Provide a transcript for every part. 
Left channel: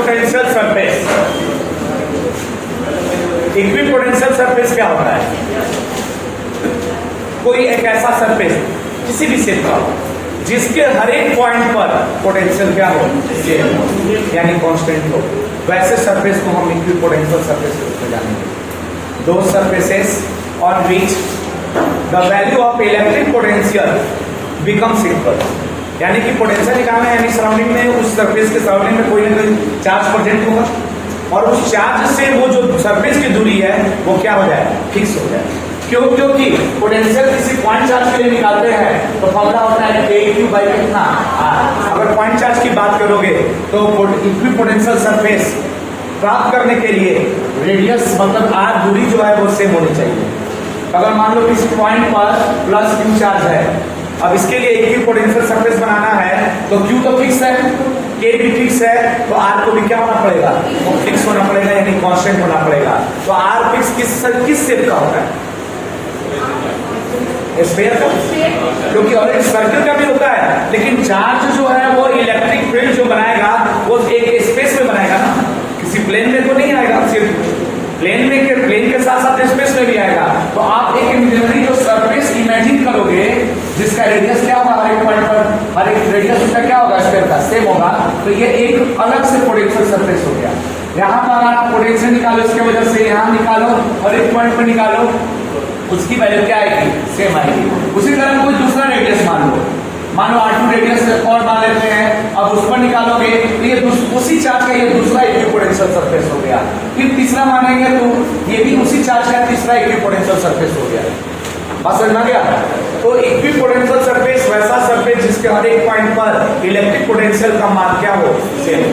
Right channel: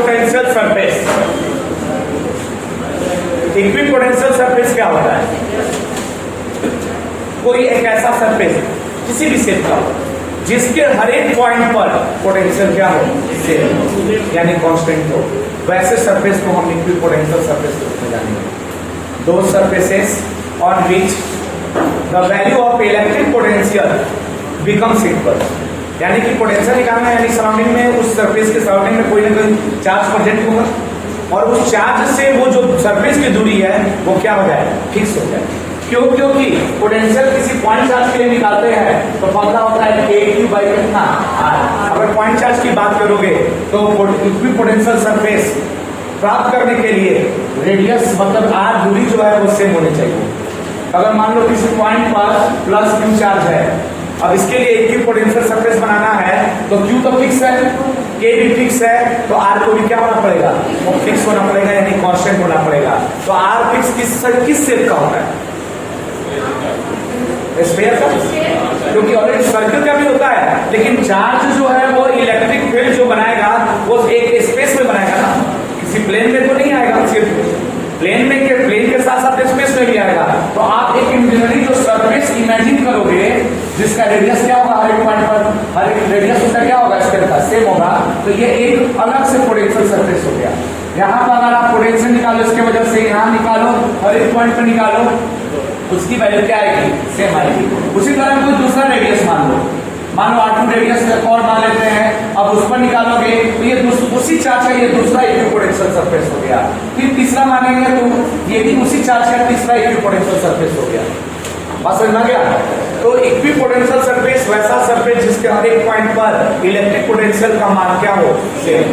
Equipotential surface. Equipotential surface क्या होता है? कोई एक ऐसा सरफेस किसी भी शेप का हो जिसके हर एक पॉइंट पर पोटेंशियल क्या हो, सेम हो, यानी कांस्टेंट हो, वैसे सरफेस को हम इक्विपोटेंशियल सरफेस के रूप में जानेंगे। दो surfaces on which the value of electric potential becomes equal, यानी कि पोटेंशियल निकालना है, यानी सराउंडिंग में उस सरफेस के सराउंडिंग में कोई ना कोई चार्ज प्रेजेंट होगा और उस चार्ज से वो जो सरफेस की दूरी है वो क्या हो जाए, फिक्स हो जाए। क्यों? क्योंकि पोटेंशियल किसी पॉइंट चार्ज के लिए निकालते हैं तो फॉर्मूला होता है AQ बाई कितना, R। अगर पॉइंट चार्ज की बात करोगे तो इक्विपोटेंशियल सरफेस प्राप्त करने के लिए रेडियस मतलब R दूरी जो है वो सेम होनी चाहिए। अगर मान लो किसी पॉइंट पर प्लस Q चार्ज है, अब इसके लिए इक्विपोटेंशियल सरफेस बनाना है तो Q तो फिक्स है, K भी फिक्स है, तो R को भी क्या होना पड़ेगा, वो फिक्स होना पड़ेगा, यानी कांस्टेंट होना पड़ेगा। तो R फिक्स किस शेप का होता है, स्फीयर का, क्योंकि ऑलरेडी सर्कल का भी होता है, लेकिन चार्ज जो है वो इलेक्ट्रिक फील्ड जो बनाएगा वो एक स्पेस में बनाएगा ना, किसी प्लेन में तो नहीं आएगा, सिर्फ प्लेन के साथ साथ स्पेस में भी आएगा। तो आप एक इमेजिनरी जो सरफेस इमेजिन करोगे जिसका रेडियस क्या होगा, हर एक पॉइंट पर हर एक रेडियस उसका क्या होगा, स्फीयर का सेम होगा, तो ये एक अलग से पोटेंशियल सरफेस हो गया। यहाँ पर अगर आप पोटेंशियल निकालो इसके वजह से यहाँ निकालो, हर एक पॉइंट पर निकालो, उसकी वैल्यू क्या आएगी, सेम आएगी। उसी तरह कोई दूसरा रेडियस मान लो R2 रेडियस और मान लेते हैं, अब उस पर निकालोगे तो ये उसी चार्ज का ये दूसरा इक्विपोटेंशियल सरफेस हो गया। फिर तीसरा मानेंगे तो ये भी उसी चार्ज का तीसरा इक्विपोटेंशियल सरफेस हो गया। बात समझ में गया? तो इक्विपोटेंशियल सरफेस वैसा सरफेस जिसके हर एक पॉइंट पर इलेक्ट्रिक पोटेंशियल का मान क्या हो, सेम।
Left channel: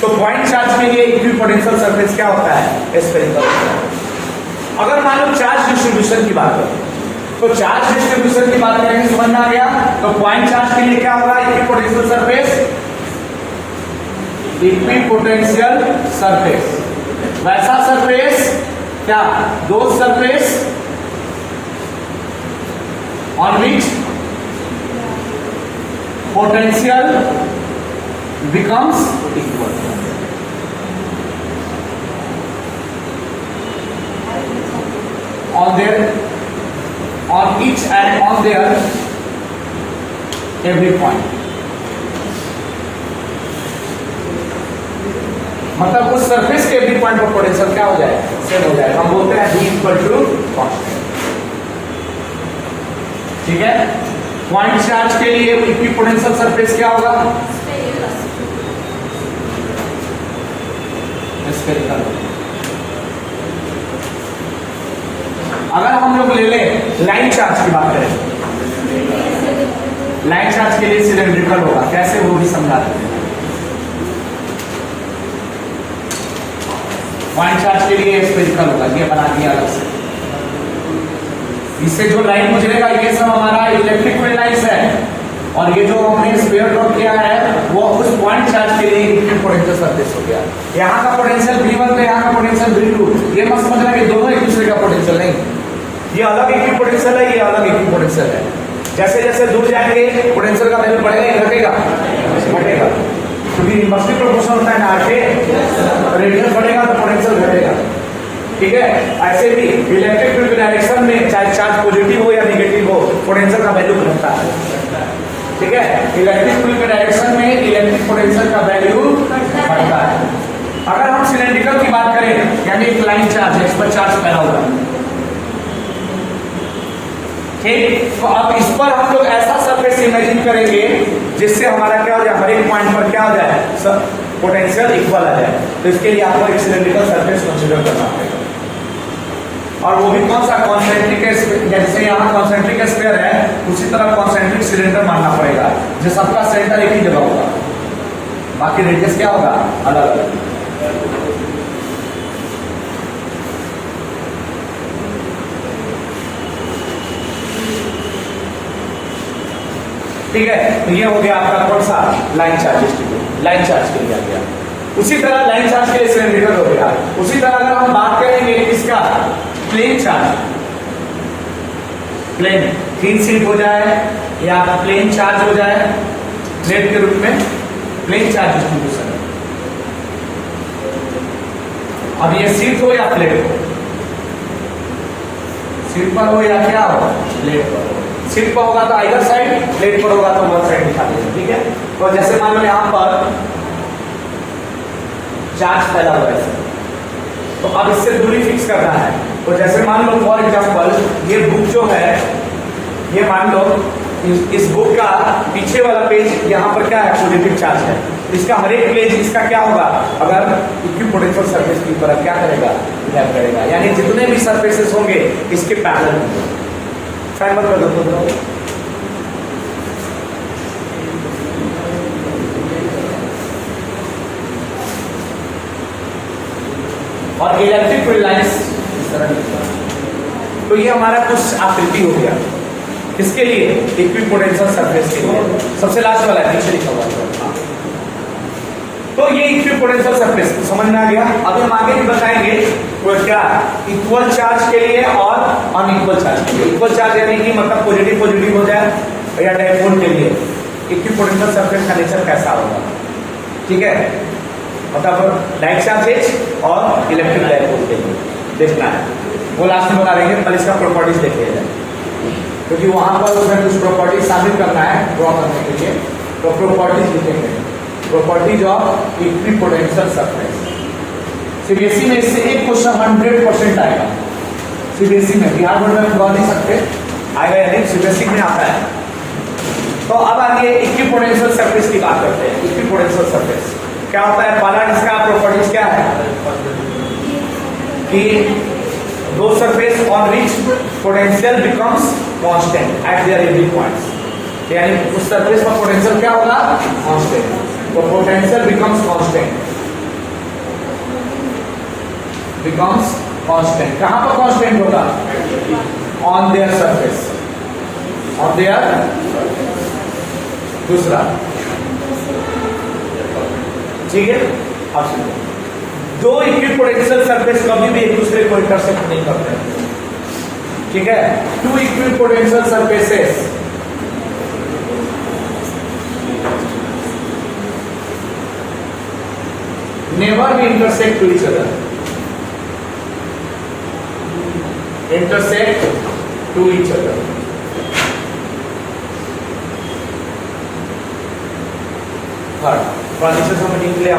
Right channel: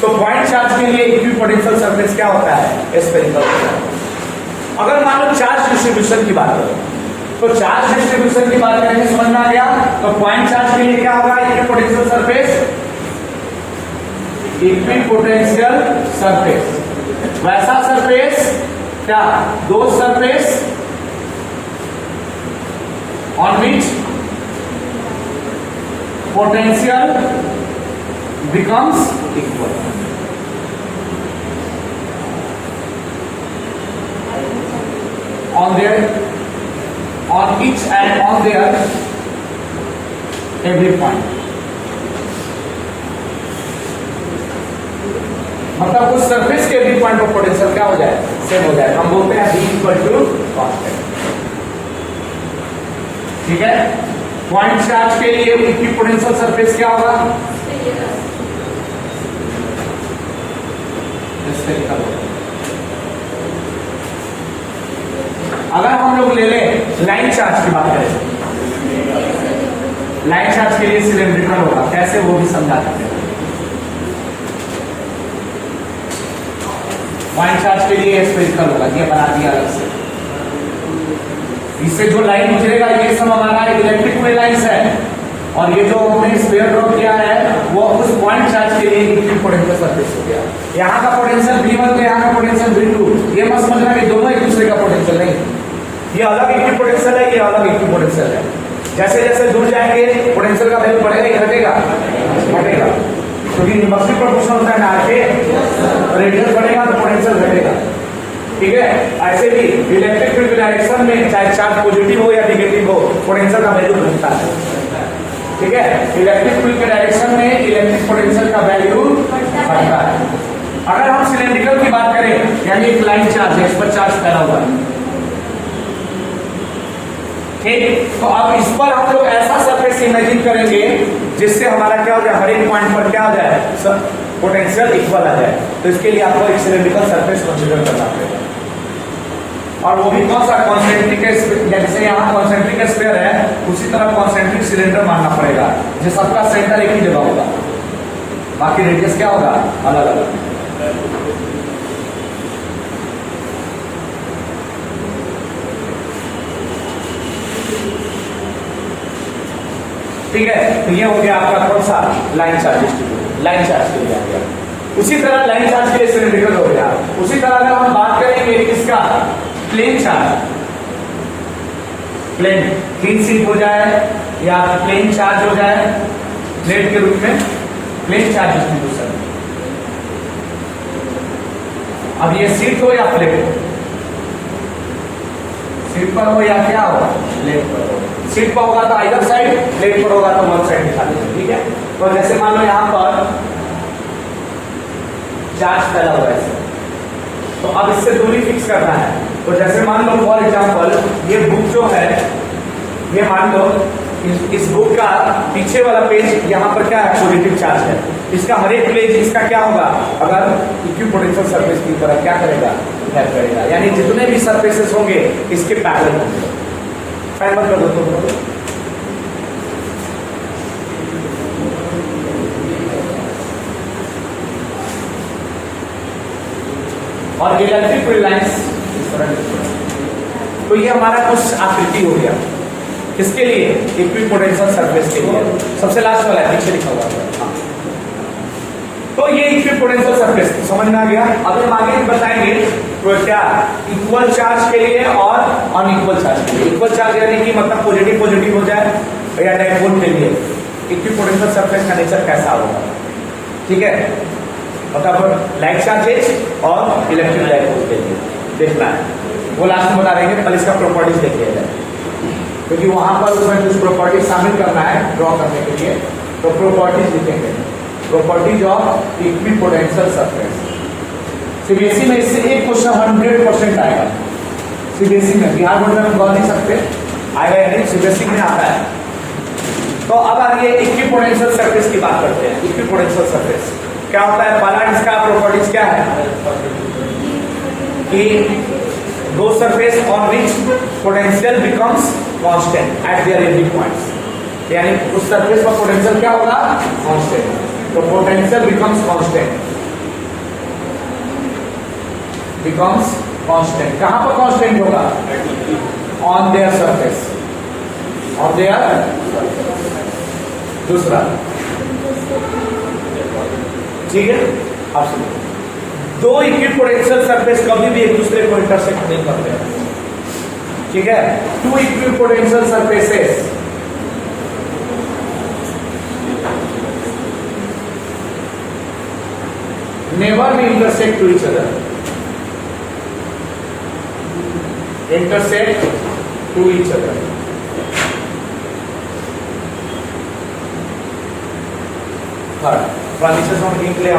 तो पॉइंट चार्ज के लिए इक्विपोटेंशियल सरफेस क्या होता है, स्फेरिकल। अगर मान लो चार्ज डिस्ट्रीब्यूशन की बात करें तो चार्ज डिस्ट्रीब्यूशन की बात करेंगे, समझ में आ गया? तो पॉइंट चार्ज के लिए क्या होगा, इक्विपोटेंशियल सरफेस, इक्विपोटेंशियल सरफेस वैसा सरफेस क्या, दो surface on which potential becomes equal. On each and on their every point, मतलब उस सरफेस के एवरी पॉइंट पर पोटेंशियल क्या हो जाए, सेम हो जाए। हम बोलते हैं V इक्वल टू कांस्टेंट। ठीक है, पॉइंट चार्ज के लिए इक्विपोटेंशियल सरफेस क्या होगा, स्फेरिकल। अगर हम लोग ले ले लाइन चार्ज की बात करें, लाइन चार्ज के लिए सिलेंड्रिकल होगा, कैसे वो भी समझा देते हैं। पॉइंट चार्ज के लिए स्फेरिकल होगा, ये बना दिया अलग से। इससे जो लाइन गुजरेगा ये सब हमारा इलेक्ट्रिक फील्ड लाइन्स है, और ये जो हमने स्फीयर ड्रॉ किया है वो उस पॉइंट चार्ज के लिए इक्विपोटेंशियल सरफेस हो गया। यहाँ का पोटेंशियल V1 तो यहाँ का पोटेंशियल V2, ये मत समझना कि दोनों एक दूसरे का पोटेंशियल नहीं, ये अलग इक्विपोटेंशियल है, ये अलग इक्विपोटेंशियल है। जैसे जैसे दूर जाएंगे पोटेंशियल का वैल्यू बढ़ेगा या घटेगा, घटेगा, क्योंकि इनवर्सली प्रोपोर्शनल होता है ना, आगे रेडियस बढ़ेगा तो पोटेंशियल घटेगा। ठीक है, ऐसे भी इलेक्ट्रिक फील्ड डायरेक्शन में चाहे चार्ज पॉजिटिव हो या नेगेटिव हो, पोटेंशियल का वैल्यू घटता है। ठीक है, इलेक्ट्रिक फील्ड के डायरेक्शन में इलेक्ट्रिक पोटेंशियल का वैल्यू घटता है। अगर हम सिलेंड्रिकल की बात करें, यानी एक लाइन चार्ज है, इस पर चार्ज पैदा होगा, ठीक, तो अब इस पर हम लोग ऐसा सरफेस इमेजिन करेंगे जिससे हमारा क्या हो जाए, हर एक पॉइंट पर क्या हो जाए, पोटेंशियल इक्वल आ जाए। तो इसके लिए आपको एक सिलेंड्रिकल सरफेस कंसीडर करना पड़ेगा, और वो भी कौन सा, कॉन्सेंट्रिक। जैसे यहाँ कॉन्सेंट्रिक स्फीयर है, उसी तरह कॉन्सेंट्रिक सिलेंडर मानना पड़ेगा, जो सबका सेंटर एक ही जगह होगा, बाकी रेडियस क्या होगा, अलग अलग। ठीक है, तो ये हो गया आपका कौन सा, line charge distribution, line charge के लिए आ गया। उसी तरह लाइन चार्ज के लिए सिलेंड्रिकल हो गया। उसी तरह अगर हम बात करेंगे इसका प्लेन चार्ज, प्लेन थीन स्लिप हो जाए या प्लेन चार्ज हो जाए, प्लेट के रूप में प्लेन चार्ज डिस्ट्रीब्यूशन। अब ये शीट हो या प्लेट हो, शीट पर हो या क्या हो, प्लेट पर हो। शीट पर होगा तो आइदर साइड, प्लेट पर होगा तो वन साइड दिखा दीजिए, ठीक है। तो जैसे मान लो यहां पर चार्ज फैला हुआ है, तो अब इससे दूरी फिक्स करना है। तो जैसे मान लो फॉर एग्जांपल ये बुक जो है, ये मान लो इस बुक का पीछे वाला पेज यहाँ पर क्या है, पॉजिटिव चार्ज है। इसका हर एक पेज इसका क्या होगा, अगर इक्विपोटेंशियल सरफेस की तरह क्या करेगा, हेल्प करेगा। यानी जितने भी सरफेसेस होंगे इसके पैरेलल होंगे। फैन मत कर दो। और इलेक्ट्रिक फील्ड लाइंस इस तरह की। तो ये हमारा कुछ आकृति हो गया, किसके लिए, इक्विपोटेंशियल सरफेस के लिए। सबसे लास्ट वाला है, पीछे लिखा हुआ है। हाँ, तो ये इक्विपोटेंशियल सरफेस समझ में आ गया। अभी हम आगे भी बताएंगे वो क्या, इक्वल चार्ज के लिए और अनइक्वल चार्ज के लिए। इक्वल चार्ज यानी कि मतलब पॉजिटिव पॉजिटिव हो जाए, या डाइपोल के लिए इक्विपोटेंशियल सरफेस का नेचर कैसा होगा, ठीक है। मतलब लाइक चार्जेज और इलेक्ट्रिक डाइपोल के लिए देखना है, वो लास्ट में बता देंगे। पहले इसका प्रॉपर्टीज देखिए जाए, क्योंकि वहां पर उसमें कुछ प्रॉपर्टीज शामिल करना है ड्रॉ करने के लिए। तो प्रॉपर्टीज लिखेंगे, properties of equipotential surface. CBSE में इससे एक क्वेश्चन 100% आएगा। सीबीएसई में, बिहार बोर्ड में हम ड्रॉ नहीं सकते, आएगा यानी सीबीएसई में आता है। तो अब आगे इक्विपोटेंशियल सरफेस की बात करते हैं। इक्विपोटेंशियल सरफेस क्या होता है, पहला इसका प्रॉपर्टीज क्या है कि दो surface on which potential becomes constant eight there ending points. यानी उस सरफेस का पोटेंशियल क्या होगा, कांस्टेंट। तो potential becomes constant, becomes constant. कहां पर कांस्टेंट होगा, on their surface, on their. दूसरा, ठीक है, अब सुनो, दो इक्विपोटेंशियल सरफेस कभी भी एक दूसरे को इंटरसेक्ट नहीं करते, ठीक है। Two equipotential surfaces never be intersect to each other, intersect to each other. समझने के लिए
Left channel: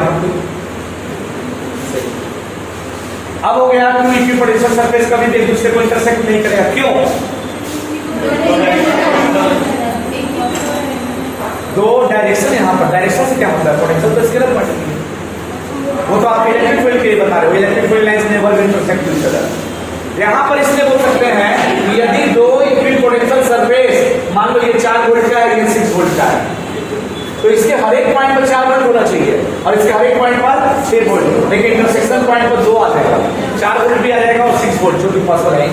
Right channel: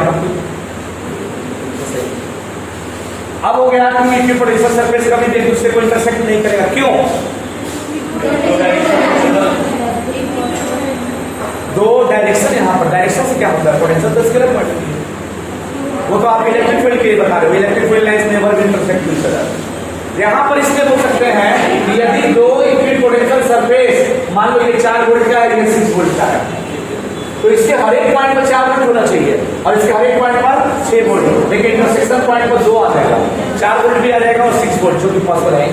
अब हो गया, टू इक्विपोटेंशियल सरफेस कभी भी एक दूसरे को इंटरसेक्ट नहीं करेगा। क्यों, दो डायरेक्शन, यहां पर डायरेक्शन से क्या होता है, पोटेंशियल तो स्केलर क्वांटिटी, वो तो आप इलेक्ट्रिक फील्ड के लिए बता रहे हो। Electric field lines never intersect to each other. यहां पर इसलिए बोल सकते हैं कि यदि दो इक्विपोटेंशियल सरफेस, मान लो ये 4 वोल्ट का है, ये 6 वोल्ट का है, तो इसके हर एक पॉइंट पर 4 वोल्ट होना चाहिए और इसके हर एक पॉइंट पर 6 वोल्ट। लेकिन इंटरसेक्शन पॉइंट पर 2 आ जाएगा, 4 वोल्ट भी आ जाएगा और 6 वोल्ट, जो भी पॉसिबल है।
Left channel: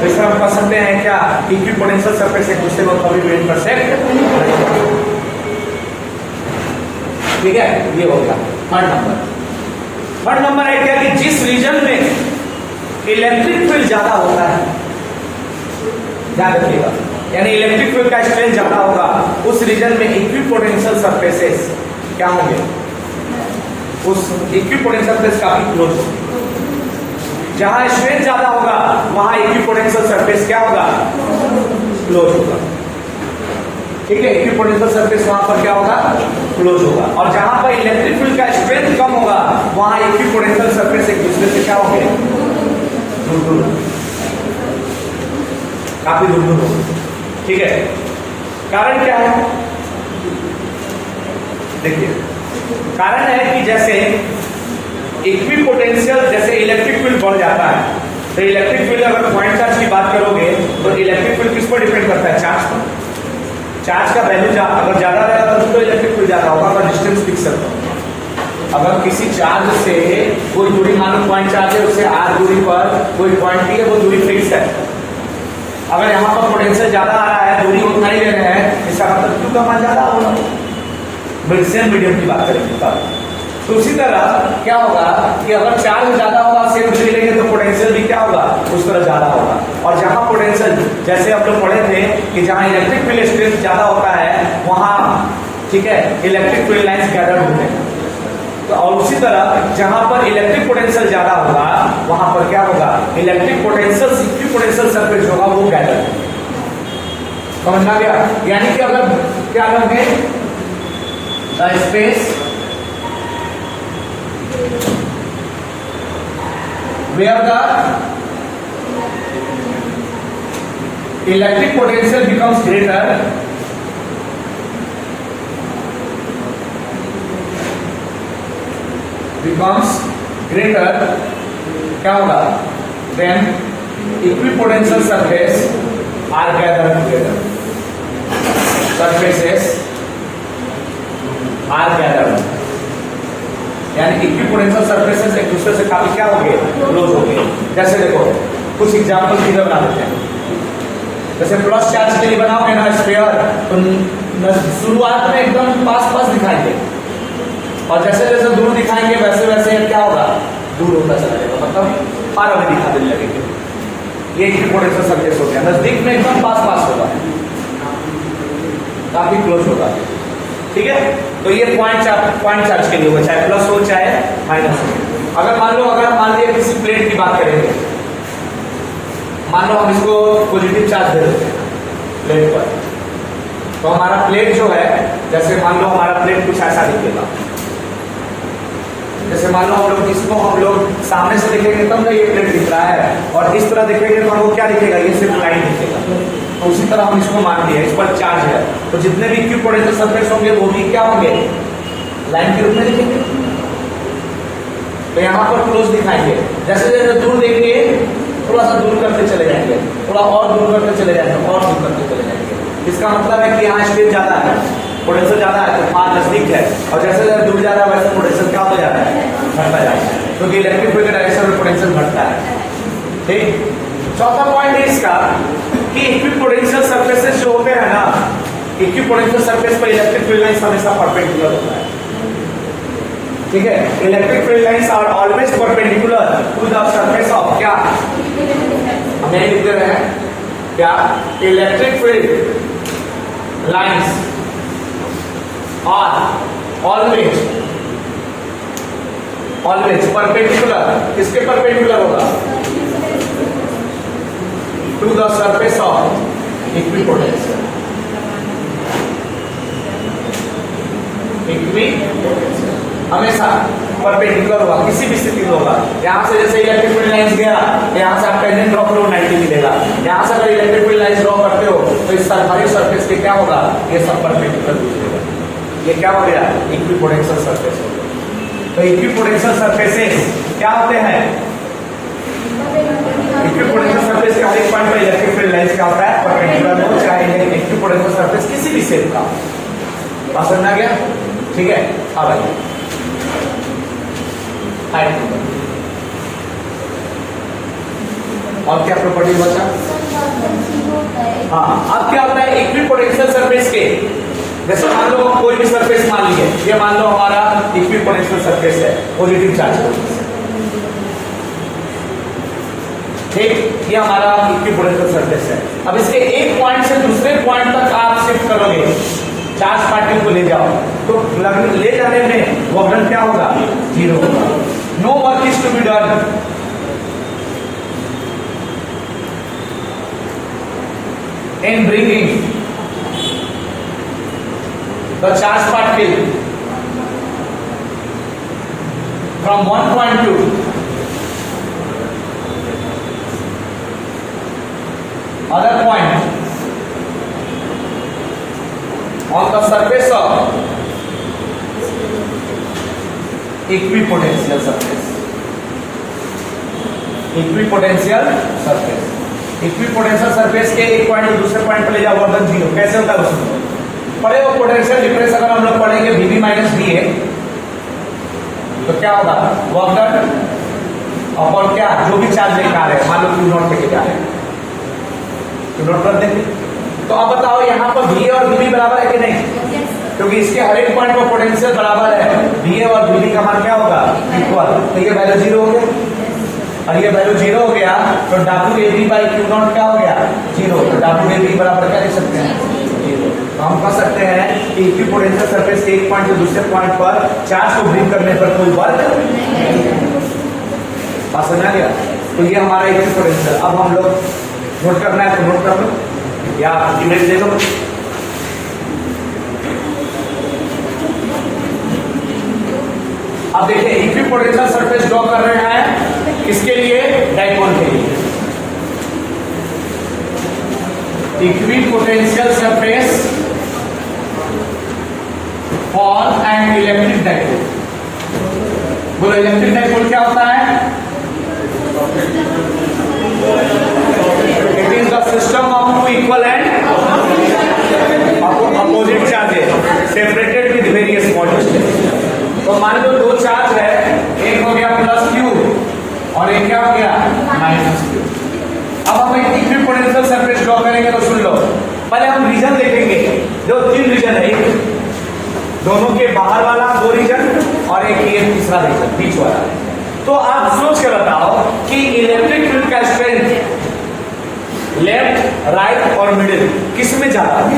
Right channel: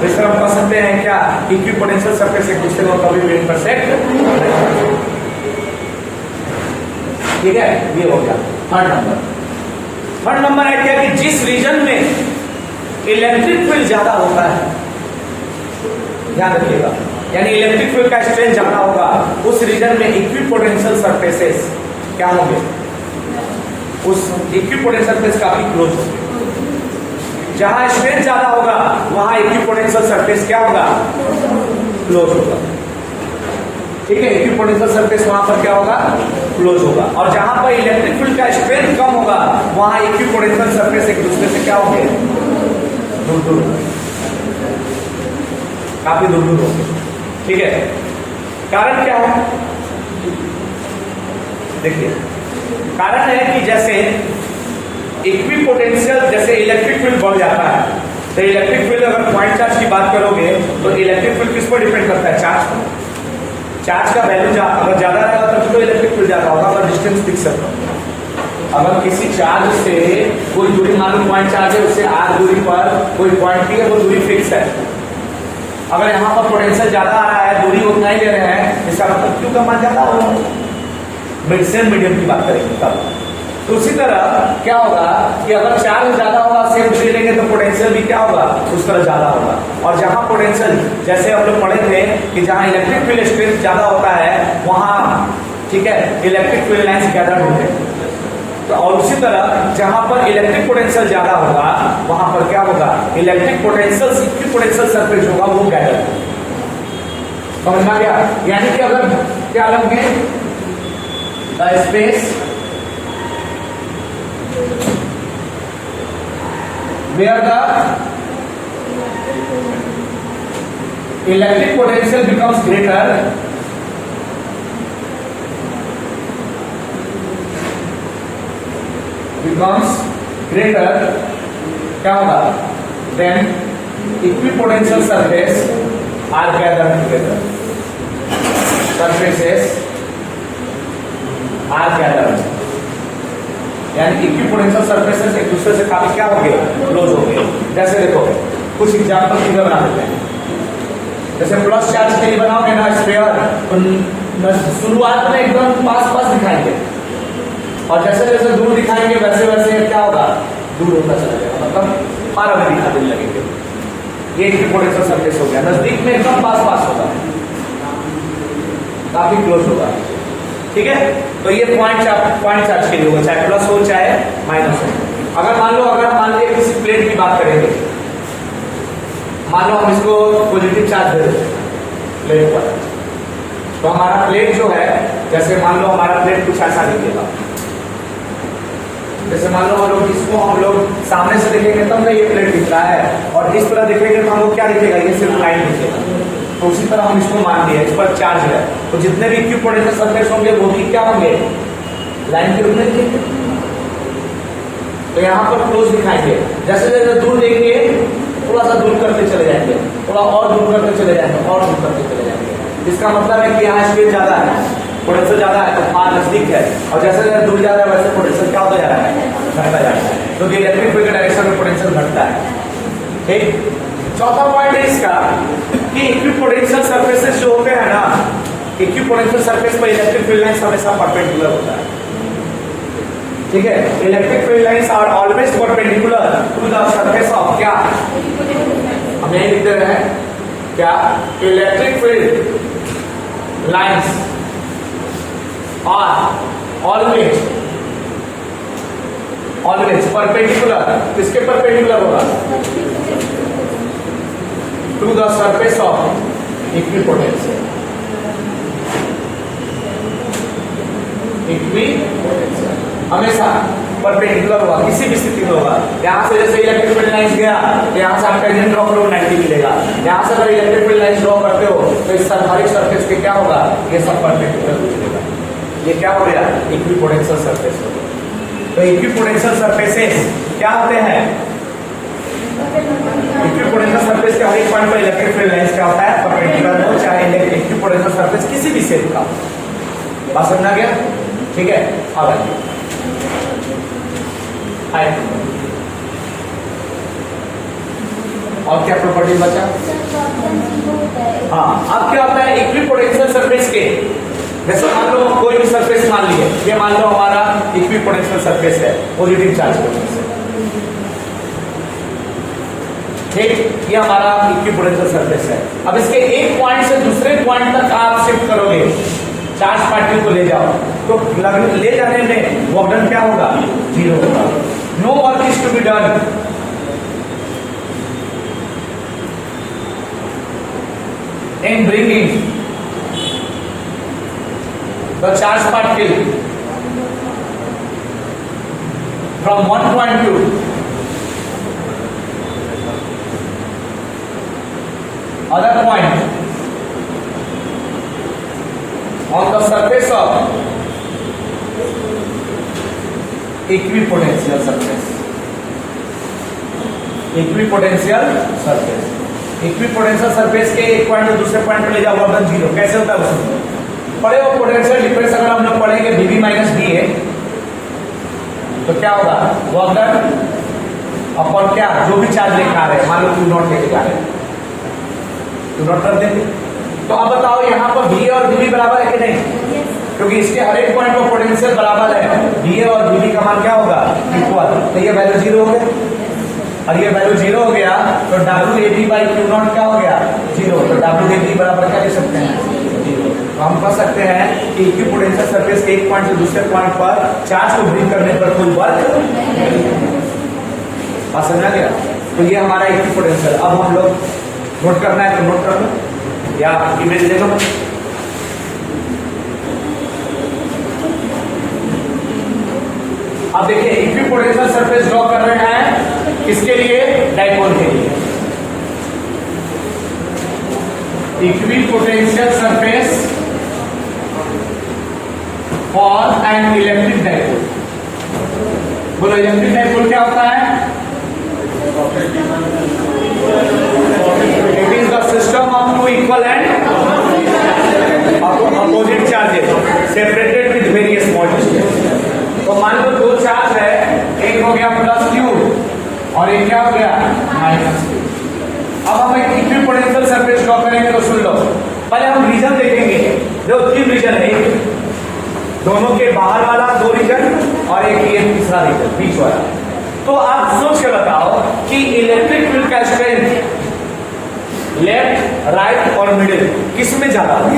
तो इस तरह हम कह सकते हैं क्या, इक्विपोटेंशियल सरफेस एक दूसरे को कभी भी इंटरसेक्ट नहीं करते, ठीक है। ये हो गया थर्ड नंबर। थर्ड नंबर है क्या कि जिस रीजन में इलेक्ट्रिक फील्ड ज्यादा होता है, ध्यान रखिएगा, यानी इलेक्ट्रिक फील्ड का स्ट्रेंथ ज्यादा होगा, उस रीजन में इक्विपोटेंशियल सरफेसेस क्या होंगे, उस इक्विपोटेंशियल सरफेस काफी क्लोज होंगे। जहां स्ट्रेंथ ज्यादा होगा वहां इक्विपोटेंशियल सरफेस क्या होगा, क्लोज होगा, ठीक है। इक्विपोटेंशियल सरफेस वहां पर क्या होगा, क्लोज होगा। और जहां पर इलेक्ट्रिक फील्ड का स्ट्रेंथ कम होगा वहां इक्विपोटेंशियल सरफेस एक दूसरे से क्या होंगे, दूर दूर, काफी दूर दूर होंगे, ठीक है। कारण क्या है, देखिए कारण है कि जैसे इक्विपोटेंशियल, जैसे इलेक्ट्रिक फील्ड बढ़ जाता है, तो इलेक्ट्रिक फील्ड अगर पॉइंट चार्ज की बात करोगे तो इलेक्ट्रिक फील्ड किस पर डिपेंड करता है, चार्ज पर। चार्ज का वैल्यू अगर ज्यादा रहेगा तो इलेक्ट्रिक फील्ड ज्यादा होगा, पर डिस्टेंस फिक्स है। अगर किसी चार्ज से कोई दूरी, मान लो पॉइंट चार्ज है, उससे आर दूरी पर कोई पॉइंट की है, वो दूरी फिक्स है। अगर यहाँ पर पोटेंशियल ज्यादा आ रहा है, दूरी उतना ही ले रहे हैं, इसका मतलब क्यों कम ज्यादा होगा, सेम मीडियम की बात करेंगे तब। तो उसी तरह क्या होगा कि अगर चार्ज ज्यादा होगा, सेम दूरी लेंगे तो पोटेंशियल भी क्या होगा, उस तरह ज्यादा होगा। और जहां पोटेंशियल, जैसे आप लोग पढ़े थे कि जहां इलेक्ट्रिक फील्ड स्ट्रेंथ ज्यादा होता है वहां, ठीक है, इलेक्ट्रिक फील्ड लाइंस गार्डन होते हैं। तो और उसी तरह जहां पर इलेक्ट्रिक पोटेंशियल ज्यादा होगा वहां पर क्या होगा, इलेक्ट्रिक पोटेंशियल इक्विपोटेंशियल सरफेस होगा वो गायब। समझ में आ गया? यानी कि अगर क्या लोगे, the space where the electric potential becomes greater, क्या होगा, then equipotential surface are gathered together, surfaces are gathered, यानी इक्विपोटेंशियल सर्फेसेस एक दूसरे से काफी क्या हो गए, क्लोज हो गए। जैसे देखो कुछ एग्जांपल इधर बना देते हैं। जैसे प्लस चार्ज के लिए बनाओगे ना स्फीयर, तो शुरुआत में एकदम पास पास दिखाएंगे और जैसे जैसे दूर दिखाएंगे वैसे वैसे क्या होगा, दूर होता चला जाएगा, मतलब पारा में दिखाने लगेंगे। ये इक्विपोटेंशियल सर्फेस हो गया। नजदीक में एकदम पास पास होगा, काफी क्लोज होगा। ठीक है, तो ये पॉइंट चार्ज के लिए होगा, चाहे प्लस हो चाहे माइनस हो। अगर मान लो किसी प्लेट की बात करेंगे, मान लो हम इसको पॉजिटिव चार्ज दे दें प्लेट पर, तो हमारा प्लेट जो है, जैसे मान लो हमारा प्लेट कुछ ऐसा दिखेगा। जैसे मान लो हम लोग सामने से देखेंगे तब ना ये प्लेट दिख रहा है, और इस तरह देखेंगे तो हमको क्या दिखेगा, ये सिर्फ लाइन दिखेगा। तो उसी तरह हम इसको मान लिया, इस पर चार्ज है, तो जितने भी इक्विपोटेंशियल सरफेस होंगे वो भी क्या होंगे, लाइन के रूप में दिखेंगे। तो यहाँ पर क्लोज दिखाएंगे, जैसे जैसे दूर देंगे थोड़ा सा दूर करते चले जाएंगे, थोड़ा और दूर करते चले जाएंगे, और दूर करते चले जाएंगे। इसका मतलब है कि यहाँ स्पेस ज्यादा है, पोटेंशियल ज्यादा है, तो पास नजदीक है, और जैसे जैसे दूर जा रहा है वैसे पोटेंशियल क्या होता जा रहा है, बढ़ता जा रहा है। तो इलेक्ट्रिक फील्ड डायरेक्शन में पोटेंशियल बढ़ता है। ठीक, चौथा पॉइंट है इसका कि इक्विपोटेंशियल सर्फेसेस जो होते हैं ना, इक्विपोटेंशियल सरफेस पर इलेक्ट्रिक फील्ड लाइंस हमेशा परपेंडिकुलर होता है। ठीक है, electric field lines are always perpendicular to the surface of क्या, हम यही लिखते रहे हैं क्या, electric field lines are always perpendicular, किसके परपेंडिकुलर होगा, to the surface of equipotential. हमेशा परपेंडिकुलर होगा, किसी भी स्थिति में होगा। यहां से जैसे इलेक्ट्रिक फील्ड लाइंस गया, यहां से आप टेंजेंट ड्रॉ करो 90 मिलेगा। यहां से अगर इलेक्ट्रिक फील्ड लाइंस ड्रॉ करते हो तो इस हमारी सरफेस के क्या होगा, ये सब परपेंडिकुलर होगा। ये क्या हो गया, इक्विपोटेंशियल सरफेस हो गया। तो इक्विपोटेंशियल सरफेसेस क्या होते हैं, इक्विपोटेंशियल सरफेस के हर एक पॉइंट पर इलेक्ट्रिक फील्ड लाइंस क्या होता है, परपेंडिकुलर हो, चाहे इक्विपोटेंशियल सरफेस किसी भी शेप का। बात समझ आ गया? ठीक है, अब आइए और क्या प्रॉपर्टीज बचा। हाँ, अब क्या होता है इक्विपोटेंशियल सरफेस के, जैसे मान लो कोई भी सरफेस मान लिए, ये मान लो हमारा इक्विपोटेंशियल सरफेस है, पॉजिटिव चार्ज। ठीक, ये हमारा इक्विपोटेंशियल सरफेस है। अब इसके एक पॉइंट से दूसरे पॉइंट तक आप शिफ्ट करोगे, चार्ज पार्टिकल को ले जाओ, तो ले जाने में वॉल्यूम क्या होगा, 0 होगा। No work is to be done in bringing the charge particle from one point to other point on the surface of equipotential surface. Equipotential surface, equipotential surface के एक पॉइंट से दूसरे पॉइंट पर ले जाओ, वर्क 0 कैसे होता है उसमें पढ़े हो। पोटेंशियल डिफरेंस अगर हम लोग पढ़ेंगे VB माइनस VA, तो क्या होगा, वर्क अपन क्या जो भी चार्ज लेकर आ रहे हैं, मान लो Q नॉट लेके जा रहे हैं, Q नॉट कर देंगे। तो अब बताओ यहाँ पर VA और VB बराबर है कि नहीं, क्योंकि इसके हर एक पॉइंट पर पोटेंशियल बराबर है, VA और VB का मान क्या होगा, इक्वल। तो ये वैल्यू 0 हो गया, और ये वैल्यू 0 हो गया, तो WAB बाई Q नॉट क्या हो गया, 0। तो WAB बराबर क्या लिख सकते हैं, 0। तो हम कह सकते हैं कि इक्विपोटेंशियल सरफेस के एक पॉइंट से दूसरे पॉइंट पर चार्ज को ब्रिंग करने पर कोई वर्क बात समझा गया। तो ये हमारा इक्विपोटेंशियल। अब हम लोग नोट करना है तो नोट कर लो या इमेज ले लो। अब देखिए इक्विपोटेंशियल सरफेस ड्रॉ कर रहे हैं किसके लिए, डाइपोल के लिए। Equipotential surface for an electric dipole. बोलो इलेक्ट्रिक डाइपोल क्या होता है? It is the system of two equal and opposite charges separated with various small distance. तो मान लो दो चार्ज है, एक हो गया प्लस क्यू और एक क्या हो गया माइनस क्यू। अब हम एक इक्विपोटेंशियल सरफेस ड्रॉ करेंगे तो सुन लो, पहले हम रीजन देखेंगे। दो तीन रीजन है, एक दोनों के बाहर वाला दो रीजन और एक ये तीसरा रीजन बीच वाला। तो आप सोच कर बताओ कि इलेक्ट्रिक फील्ड का स्ट्रेंथ लेफ्ट, राइट और मिडिल किस में ज्यादा होगा?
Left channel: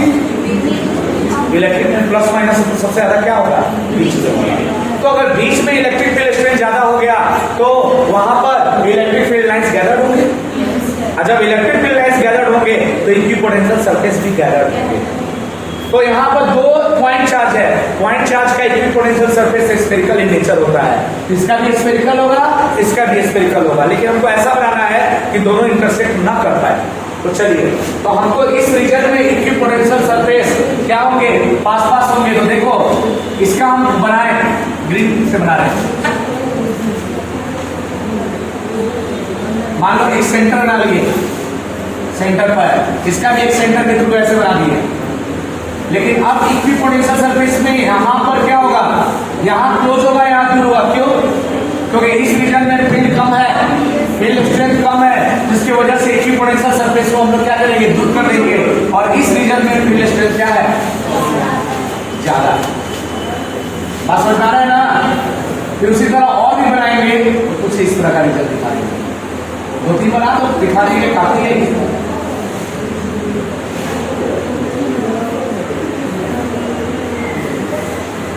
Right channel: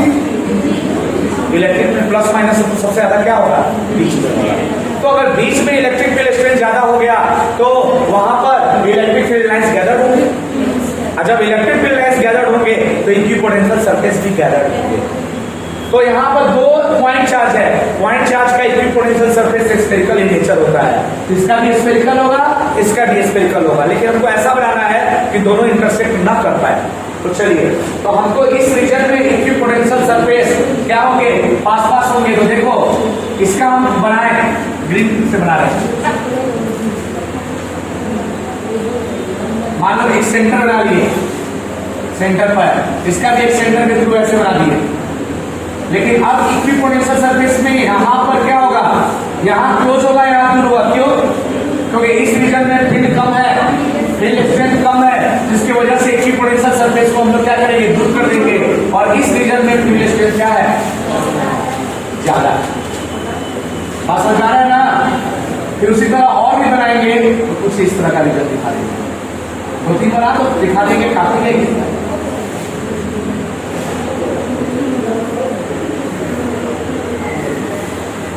इलेक्ट्रिक फील्ड प्लस माइनस सबसे ज्यादा क्या होगा? बीच में होगा। तो अगर बीच में इलेक्ट्रिक फील्ड स्ट्रेंथ ज्यादा हो गया तो वहां पर इलेक्ट्रिक फील्ड लाइंस गैदर्ड होंगे, और जब इलेक्ट्रिक फील्ड लाइंस गैदर्ड होंगे तो इक्विपोटेंशियल सरफेस भी गैदर्ड होंगे। तो यहाँ पर दो पॉइंट चार्ज है, पॉइंट चार्ज का equipotential surface spherical in nature होता है। इसका भी स्फेरिकल होगा, इसका भी स्फेरिकल होगा, लेकिन हमको ऐसा बनाना है कि दोनों इंटरसेक्ट ना कर पाए। तो चलिए, तो हमको इस रीजन में इक्विपोटेंशियल सरफेस क्या होंगे? पास पास होंगे। तो देखो इसका हम बनाए ग्रीन से बना रहे हैं। मान लो एक सेंटर बना लिए, सेंटर पर इसका भी एक सेंटर के थ्रू ऐसे बना दिए। लेकिन अब इक्विपोटेंशियल सरफेस में यहां पर क्या होगा? यहां क्लोज होगा, यहां दूर होगा। क्यों? क्योंकि इस रीजन में फील्ड कम है, फील्ड स्ट्रेंथ कम है, जिसकी वजह से इक्विपोटेंशियल सरफेस को हम लोग क्या करेंगे? दूर कर देंगे। और इस रीजन में फील्ड स्ट्रेंथ क्या है? ज्यादा। बात समझ आ रहा है ना? फिर उसी तरह और भी बनाएंगे तो कुछ इस तरह का रिजल्ट दिखा देंगे। दो तीन बना तो दिखा देंगे, काफी लेंगे।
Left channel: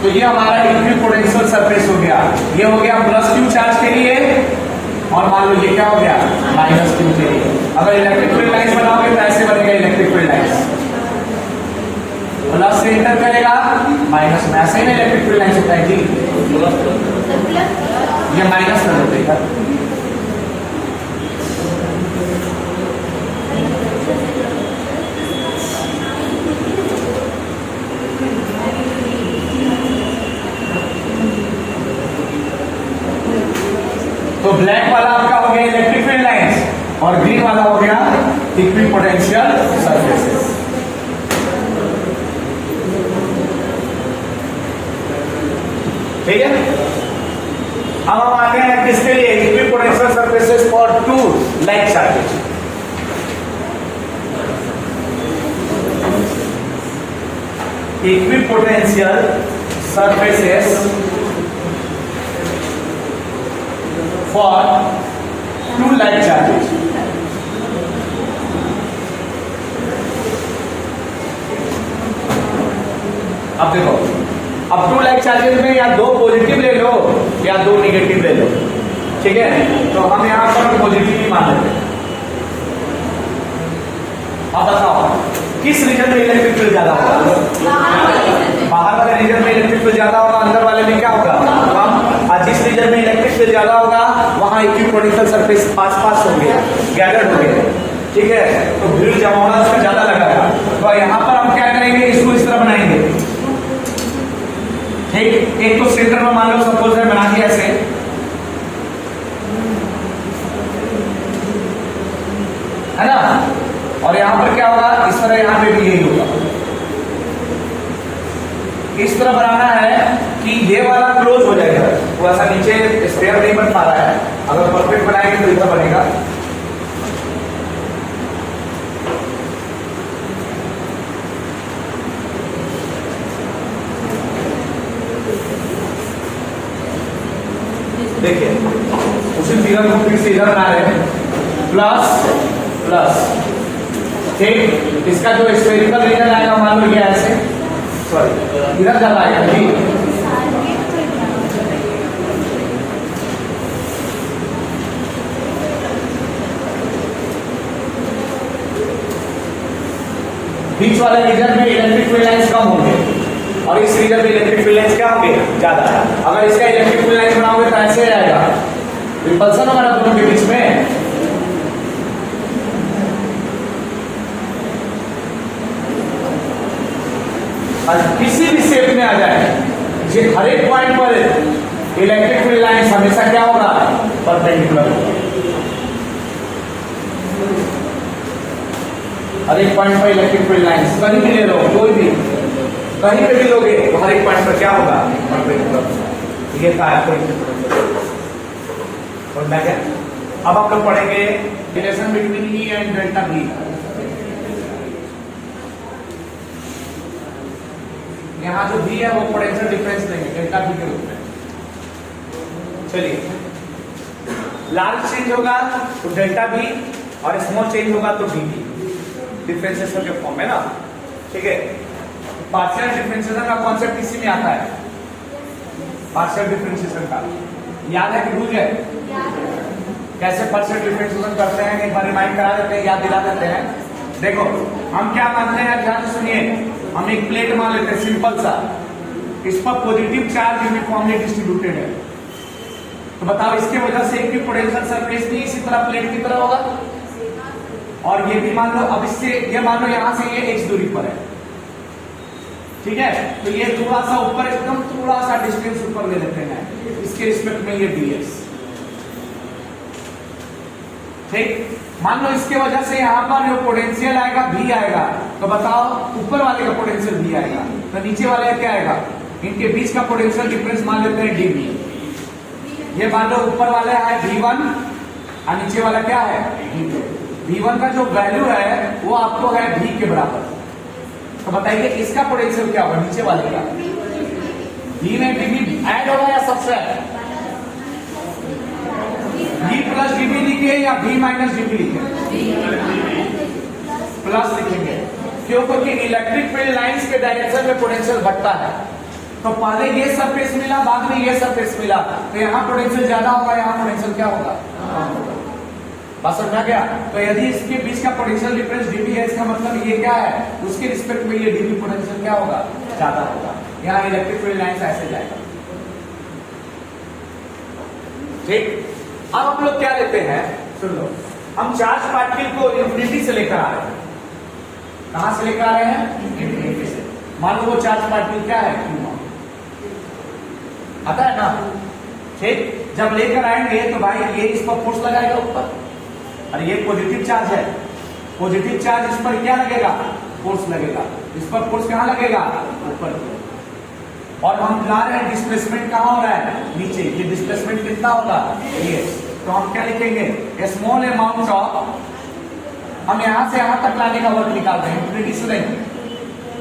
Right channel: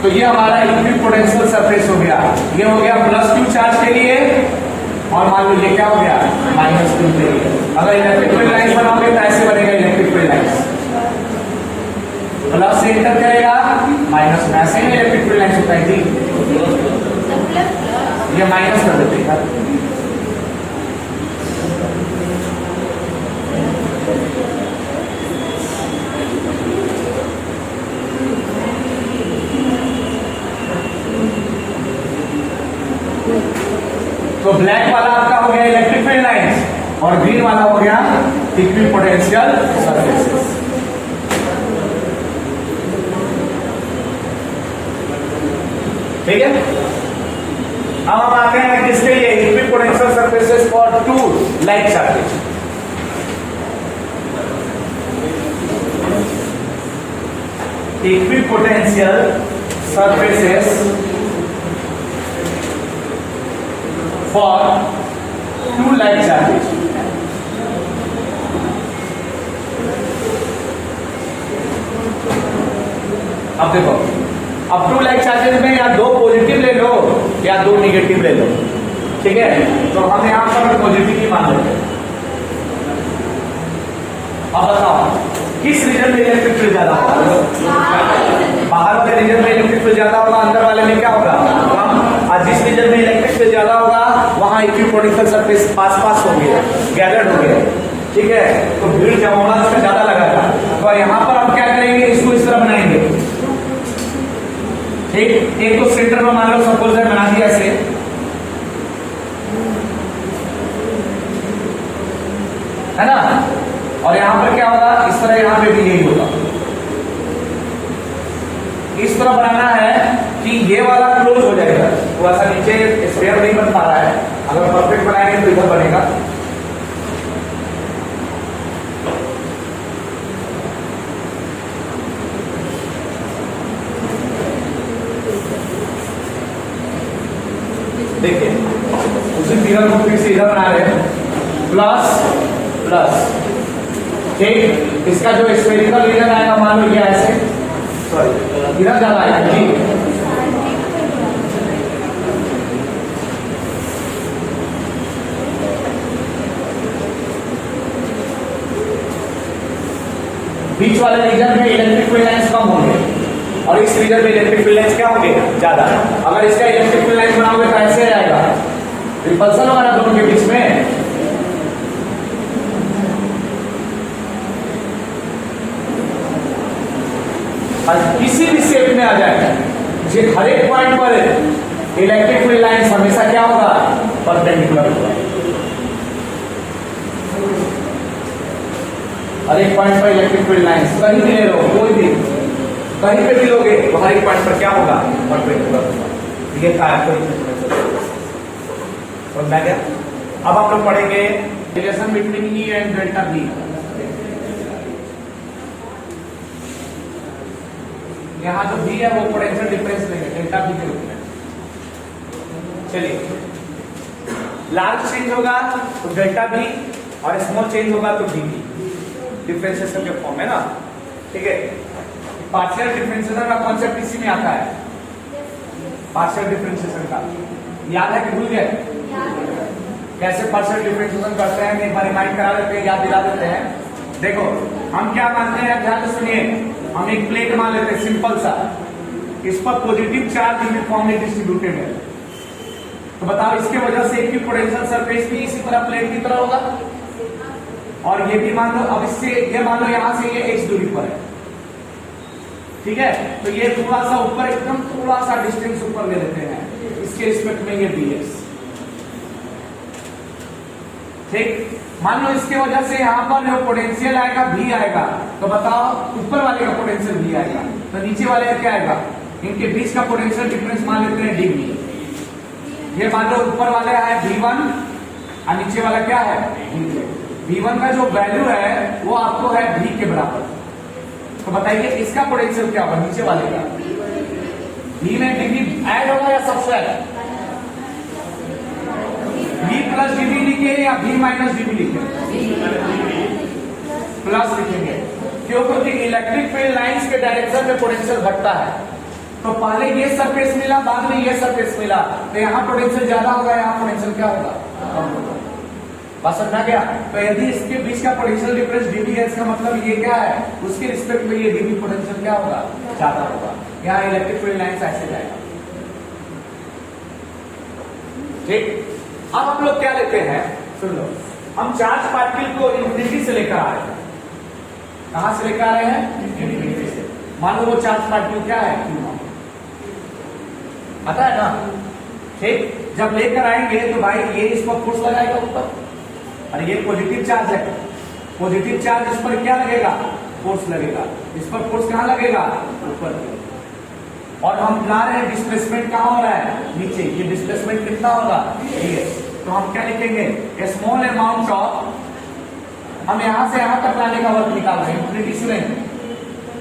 तो ये हमारा इक्विपोटेंशियल सरफेस हो गया। ये हो गया प्लस क्यू चार्ज के लिए, और मान लो ये क्या हो गया? माइनस क्यू के लिए। अगर इलेक्ट्रिक फील्ड लाइन्स बनाओगे तो ऐसे बनेगा इलेक्ट्रिक फील्ड लाइन्स, प्लस से इंटर करेगा माइनस में, ऐसे ही इलेक्ट्रिक फील्ड लाइन्स होता है जी। ये माइनस कर देते हैं। तो ब्लैक वाला आपका हो गया इलेक्ट्रिक फील्ड लाइन्स और ग्रीन वाला हो गया इक्विपोटेंशियल सरफेसेस। ठीक है, अब हम आ गए हैं किसके लिए? Equipotential surfaces for two like charges. Equipotential surfaces for two like charges। अब देखो, अब टू लाइक चार्जेस में या दो पॉजिटिव ले लो या दो नेगेटिव ले लो। ठीक है, तो हम यहां पर पॉजिटिव ही मान लेते हैं। अब बताओ किस रीजन में इलेक्ट्रिक फील्ड ज्यादा होगा? बाहर वाले रीजन में इलेक्ट्रिक फील्ड ज्यादा होगा, अंदर वाले में क्या होगा? और जिस रीजन में इलेक्ट्रिक फील्ड ज्यादा होगा वहां इक्विपोटेंशियल सरफेस पास पास होंगे, गैदर्ड होंगे। ठीक है, तो भीड़ जमा होना इसमें ज्यादा लगेगा। तो यहाँ पर हम क्या करेंगे? इसको इस तरह बनाएंगे। ठीक, एक तो सेंटर में मान लो सपोज है बना दिया ऐसे, है ना? और यहां पर क्या होगा? इस तरह यहां पे भी यही होगा। इस तरह बनाना है कि ये वाला क्लोज हो जाएगा, वो ऐसा नीचे स्क्वायर नहीं बन पा रहा है। अगर परफेक्ट बनाएंगे तो इधर बनेगा। देखिए उसी फिगर को फिर से इधर बना रहे हैं, प्लस प्लस ठीक, इसका जो स्फेरिकल रीजन आएगा मान लो ये ऐसे, सॉरी इधर ज्यादा आएगा जी, बीच वाले रीजन में इलेक्ट्रिक फील्ड लाइंस कम होंगे और इस रीजन में इलेक्ट्रिक फील्ड लाइंस क्या होंगे, ज्यादा। अगर इसका इलेक्ट्रिक फील्ड लाइन बनाओगे तो ऐसे आएगा, रिपल्सन होगा ना दोनों के बीच में। किसी भी शेप में आ जाए, जो हर एक पॉइंट पर इलेक्ट्रिक फील्ड लाइंस हमेशा क्या होगा, परपेंडिकुलर होगा। हर एक पॉइंट पर इलेक्ट्रिक फील्ड लाइंस कहीं भी ले लो, कोई भी कहीं पे भी लोगे तो हर एक पॉइंट पर क्या होगा, परपेंडिकुलर होगा। ये कहा है अब आप लोग पढ़ेंगे relation between E and delta B. यहाँ जो बी है वो पोटेंशियल डिफरेंस देंगे डेल्टा बी के रूप में। चलिए, लार्ज चेंज होगा तो डेल्टा बी और स्मॉल चेंज होगा तो बी, डिफरेंशिएशन के फॉर्म है ना, ठीक है। पार्शियल डिफरेंशिएशन का कॉन्सेप्ट इसी में आता है, पार्शियल डिफरेंशिएशन का याद है कि भूल गए? कैसे पार्शियल डिफरेंशिएशन करते हैं, एक बार रिमाइंड करा देते हैं, याद दिला देते हैं। देखो हम क्या मानते हैं, ध्यान से सुनिए, हम एक प्लेट मान लेते हैं सिंपल सा, इस पर पॉजिटिव चार्ज यूनिफॉर्मली डिस्ट्रीब्यूटेड है, तो बताओ इसके वजह से एक भी पोटेंशियल सरफेस भी इसी तरह प्लेट की तरह होगा। और ये भी मान लो, अब इससे ये मान लो यहां से ये x दूरी पर है, ठीक है, तो ये थोड़ा सा ऊपर, एकदम थोड़ा सा डिस्टेंस ऊपर ले लेते हैं, इसके रिस्पेक्ट में ये dx, ठीक। मान लो इसके वजह से यहाँ पर जो पोटेंशियल आएगा v आएगा, तो बताओ ऊपर वाले का पोटेंशियल v आएगा, तो नीचे वाले का क्या आएगा, इनके बीच का पोटेंशियल डिफरेंस मान लेते हैं dv। ये मान लो ऊपर वाला है v1 और नीचे वाला क्या है v2। v1 का जो वैल्यू है वो आपको है v के बराबर, तो बताइए इसका पोटेंशियल क्या होगा, नीचे वाले का v में dv ऐड होगा या सब्ट्रैक्ट, v प्लस dv लिखे या v माइनस dv लिखे, प्लस लिखेंगे, क्यों? क्योंकि इलेक्ट्रिक फील्ड लाइंस के डायरेक्शन में पोटेंशियल घटता है, तो पहले ये सरफेस मिला, बाद में ये सरफेस मिला, तो यहाँ पोटेंशियल ज्यादा होगा, यहाँ पोटेंशियल क्या होगा, बात समझ में गया? तो यदि इसके बीच का पोटेंशियल डिफरेंस dv है, इसका मतलब ये क्या है, उसके रिस्पेक्ट में ये dv पोटेंशियल क्या होगा, ज्यादा होगा। यहाँ इलेक्ट्रिक फील्ड लाइंस ऐसे जाएगा, ठीक। अब हम लोग क्या लेते हैं, सुन लो, हम चार्ज पार्टिकल को इंफिनिटी से लेकर आ रहे हैं, कहां से लेकर आ रहे हैं, इंफिनिटी से। मान लो वो चार्ज पार्टिकल क्या है, Q0 आता है ना, ठीक। जब लेकर आएंगे तो भाई ये इस पर फोर्स लगाएगा ऊपर, अरे ये पॉजिटिव चार्ज है, पॉजिटिव चार्ज इस पर क्या लगेगा, फोर्स लगेगा, इस पर फोर्स कहां लगेगा, ऊपर। और हम ला रहे हैं डिस्प्लेसमेंट कहां हो रहा है, नीचे, ये डिस्प्लेसमेंट कितना होगा, ds। तो हम क्या लिखेंगे, स्मॉल अमाउंट ऑफ, हम यहां से यहां तक लाने का वर्क निकाल रहे हैं, इंफिनिटी से नहीं।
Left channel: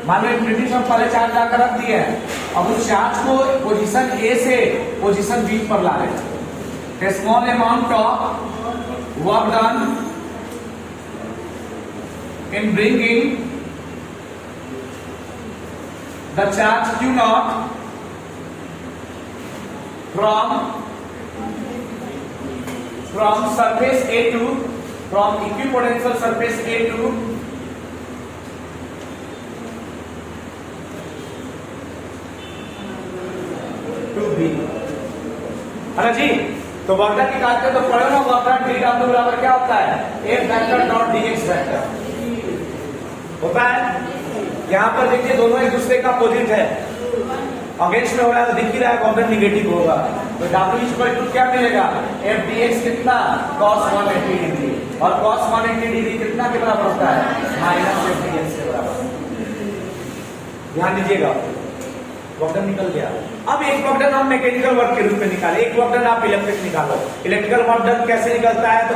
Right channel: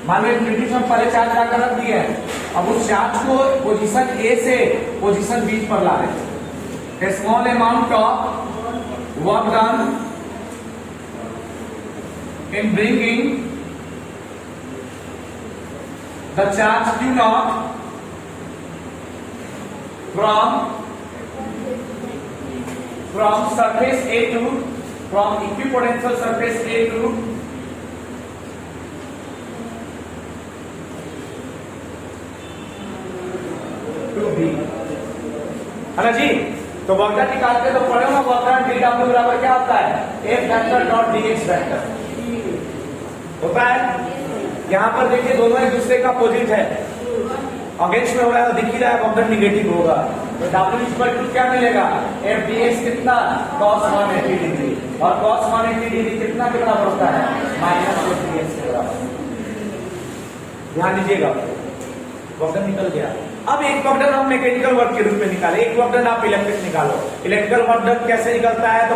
मान लो इंफिनिटी से हम पहले चार्ज लाकर रख दिए हैं, अब उस चार्ज को पोजीशन A से पोजीशन B पर ला रहे हैं, small amount of work done in bringing the charge Q0 from surface A to, from equipotential surface A to B, है ना जी। तो वर्क डन निकालते हैं तो पढ़ो ना, वर्क डन डी डब्ल्यू बराबर क्या होता है, F vector dot dx vector होता है। यहाँ पर देखिए दोनों एक दूसरे का अपोजिट है, अगेंस्ट में हो रहा है तो दिख ही रहा है, वर्क डन निगेटिव होगा, तो W इक्वल टू क्या मिलेगा, F dx कितना, cos 180 डिग्री, और cos 180 डिग्री कितना के बराबर होता है, माइनस F dx के बराबर। ध्यान दीजिएगा, वर्क डन निकल गया। अब एक वर्क डन हम मैकेनिकल वर्क के रूप में निकाले, एक वर्क डन आप इलेक्ट्रिक निकालो। इलेक्ट्रिकल वर्क डन कैसे निकलता है, तो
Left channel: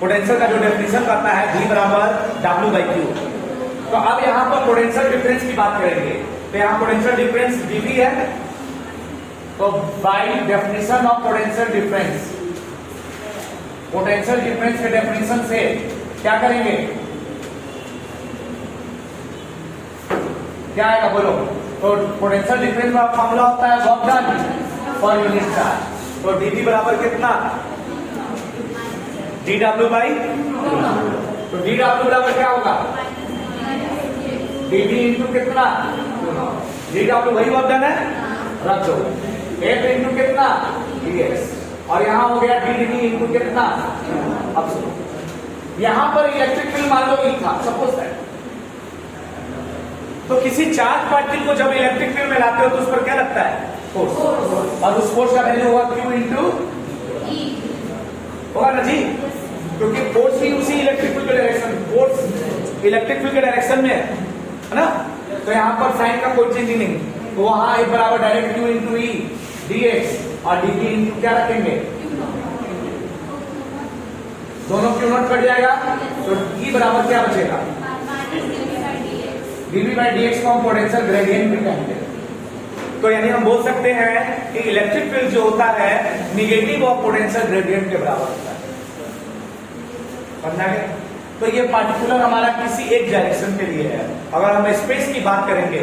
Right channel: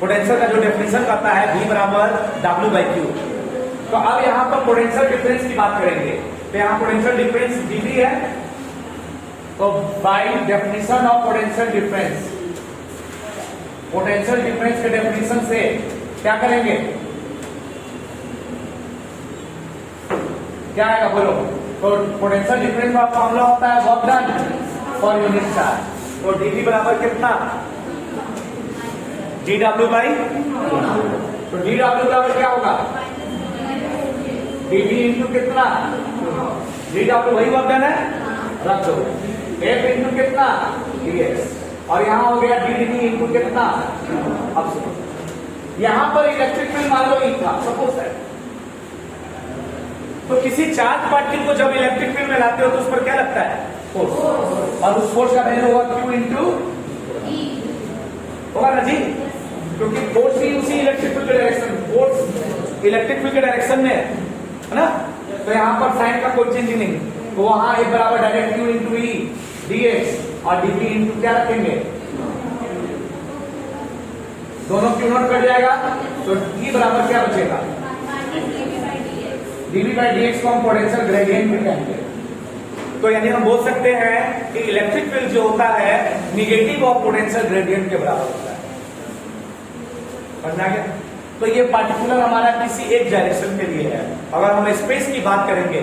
पोटेंशियल का जो डेफिनेशन करता है V बराबर W/Q। तो अब यहाँ पर पोटेंशियल डिफरेंस की बात करेंगे, तो यहाँ पोटेंशियल डिफरेंस dV है, तो by definition of potential difference, potential difference के डेफिनेशन से क्या करेंगे, क्या आएगा बोलो? तो पोटेंशियल डिफरेंस का फॉर्मूला होता है work done per unit charge. तो dV बराबर कितना? dW बाई, तो dW बराबर क्या होगा? dV इंटू कितना? dW वही वर्क डन है, रख दो। F इंटू कितना? dx। और यहां हो गया dV इंटू कितना? अब सुनो, यहां पर इलेक्ट्रिक फील्ड मान लो E था, सपोज दैट। तो किसी चार्ज पार्टिकल को जब इलेक्ट्रिक फील्ड में लाते हो तो उस पर क्या लगता है? फोर्स। और उस फोर्स का वैल्यू होगा Q इंटू E, होगा ना जी? क्योंकि फोर्स ही उसी इलेक्ट्रिक फील्ड के डायरेक्शन, फोर्स इलेक्ट्रिक फील्ड के डायरेक्शन में है ना? तो यहां पर साइन का कोई चेंज नहीं, तो वहां एक बराबर direct Q into E dx और dV इंटू क्या रखेंगे? दोनों क्यू नॉट कट जाएगा, तो E बराबर क्या बचेगा? dV बाई dx को हम पोटेंशियल ग्रेडियंट भी कहेंगे। तो यानी हम बोल सकते हैं कि इलेक्ट्रिक फील्ड जो होता है निगेटिव ऑफ पोटेंशियल ग्रेडियंट के बराबर होता है। समझा गया? तो ये पार्टिकुलर हमारा किसी एक डायरेक्शन के लिए है। अगर हम स्पेस की बात करेंगे,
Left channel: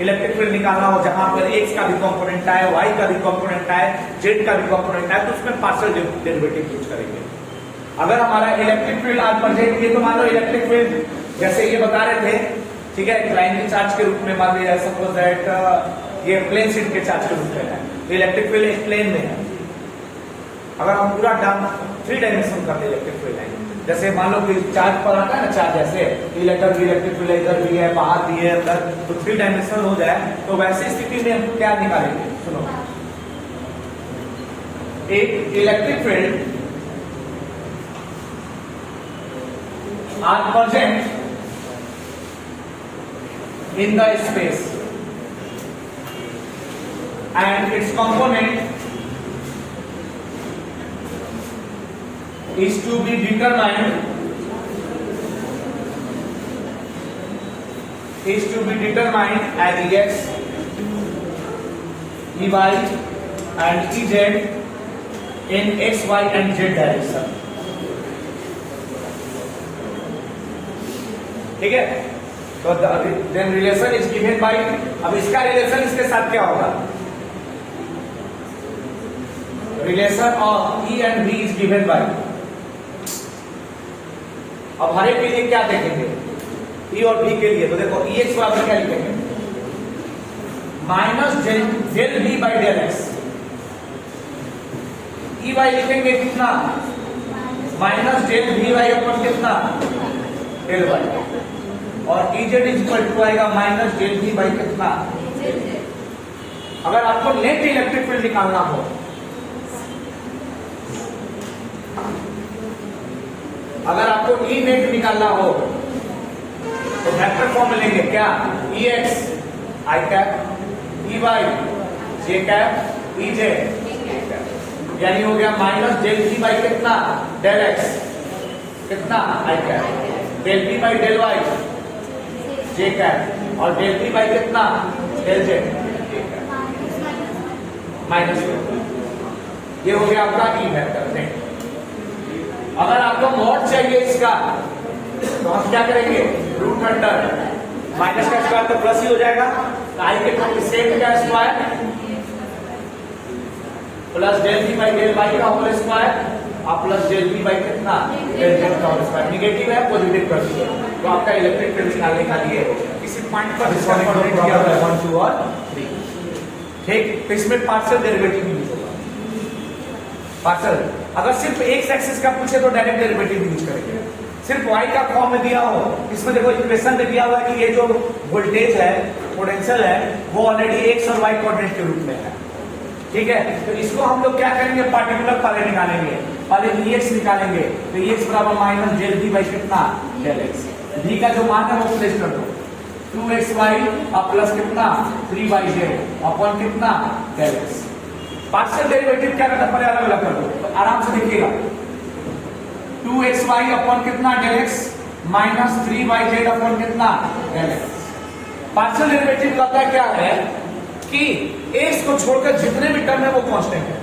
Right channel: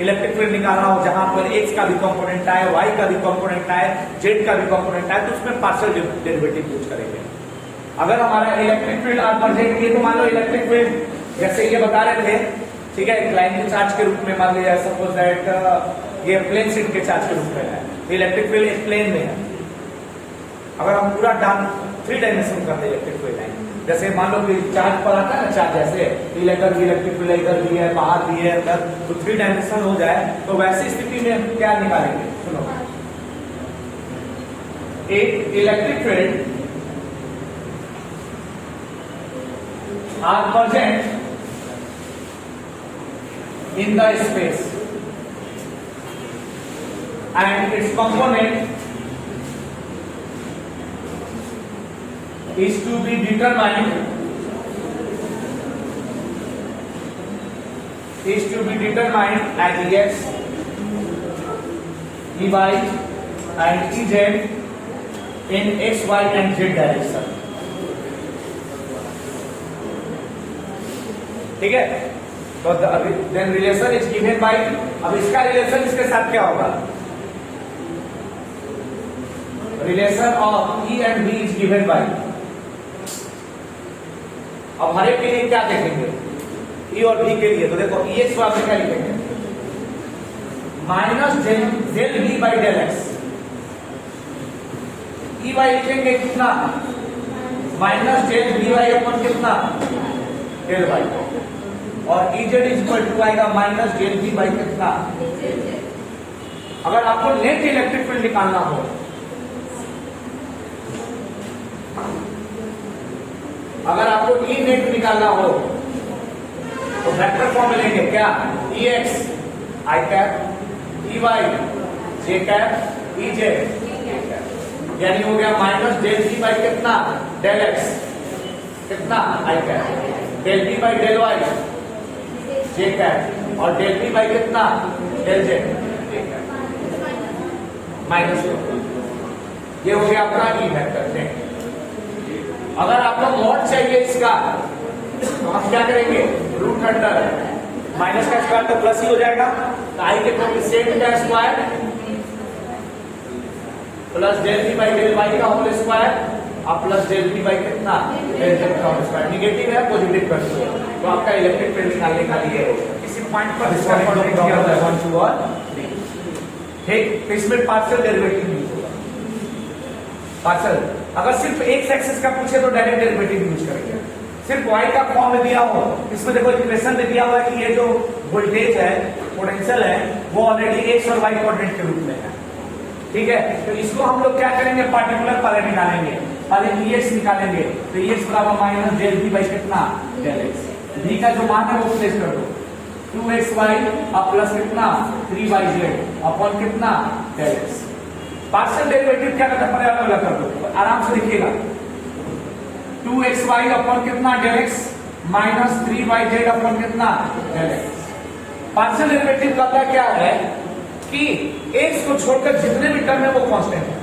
इलेक्ट्रिक फील्ड निकालना हो जहां पर x का भी कंपोनेंट आए, y का भी कंपोनेंट आए, z का भी कंपोनेंट आए, तो उसमें पार्शियल डेरिवेटिव यूज करेंगे। अगर हमारा इलेक्ट्रिक फील्ड आज पढ़ जाएंगे तो मान लो इलेक्ट्रिक फील्ड जैसे ये बता रहे थे, ठीक है, प्राइमरी चार्ज के रूप में मान लिया, सपोज दैट ये प्लेन शीट के चार्ज के रूप में है, तो इलेक्ट्रिक फील्ड एक प्लेन में है। अगर हम पूरा डाउन 3 डायमेंशन करते इलेक्ट्रिक फील्ड है, जैसे मान लो कि चार्ज पर आता है ना, चार्ज जैसे इलेक्ट्रिक फील्ड इधर भी है, बाहर भी है, अंदर, तो 3 डायमेंशन हो जाए, तो वैसी स्थिति में हम क्या निकालेंगे? सुनो, एक electric field are present in the space and its component is to be determined as Ex, Ey and Ez in x, y and z direction। ठीक है, तो then relation is given by, अब इसका रिलेशन इसके साथ क्या होगा? Relation of E and B is given by, अब हर एक के लिए क्या देखेंगे? E और B के लिए तो देखो Ex बराबर क्या लिखेंगे? Minus del B by del X. Ey लिखेंगे कितना? Minus del B by upon कितना? Del Y. और Ez इक्वल टू आएगा माइनस डेल V बाई कितना? अगर आपको नेट इलेक्ट्रिक फील्ड निकालना हो, अगर आपको E नेट निकालना हो तो वेक्टर फॉर्म में लेंगे क्या? Ex I cap, Ey J cap, Ez यानी हो गया माइनस डेल V बाई कितना? डेल एक्स कितना? I cap, del V by del Y J cap, और डेल V बाई कितना? Del Z minus. ये हो गया आपका E वेक्टर नेट। अगर आपको मॉड चाहिए इसका तो हम क्या करेंगे? रूट अंडर माइनस का स्क्वायर तो प्लस ही हो जाएगा, आई के कोएफिशिएंट का square plus del V by del Y का होल स्क्वायर और प्लस डेल V बाई कितना? डेल Z का होल स्क्वायर। निगेटिव है पॉजिटिव करती है, तो आपका इलेक्ट्रिक फील्ड निकालने का लिए किसी पॉइंट पर ठीक, तो इसमें पार्शियल डेरिवेटिव यूज होगा। पार्शियल अगर सिर्फ एक एक्सिस का पूछे तो डायरेक्ट डेरिवेटिव यूज करेंगे। सिर्फ y का फॉर्म में दिया हो, इसमें देखो इक्वेशन में दिया हुआ है कि ये जो वोल्टेज है, पोटेंशियल है, वो ऑलरेडी x और y कोऑर्डिनेट के रूप में है। ठीक है, तो इसको हम लोग क्या करेंगे? पार्टिकुलर पहले निकालेंगे, पहले Ex निकालेंगे, तो Ex बराबर माइनस डेल V बाई कितना? Del X. V का जो मान है वो प्लेस कर दो, 2xy और प्लस कितना? 3yz अपॉन कितना? Del X. पार्शियल डेरिवेटिव क्या करना पड़ेगा? अलग कर दो, आराम से लिखिएगा। 2xy अपॉन कितना? Del X minus 3yz upon कितना? Del X. पार्शियल डेरिवेटिव का क्या है कि x को छोड़कर जितने भी टर्म है वो कांस्टेंट है।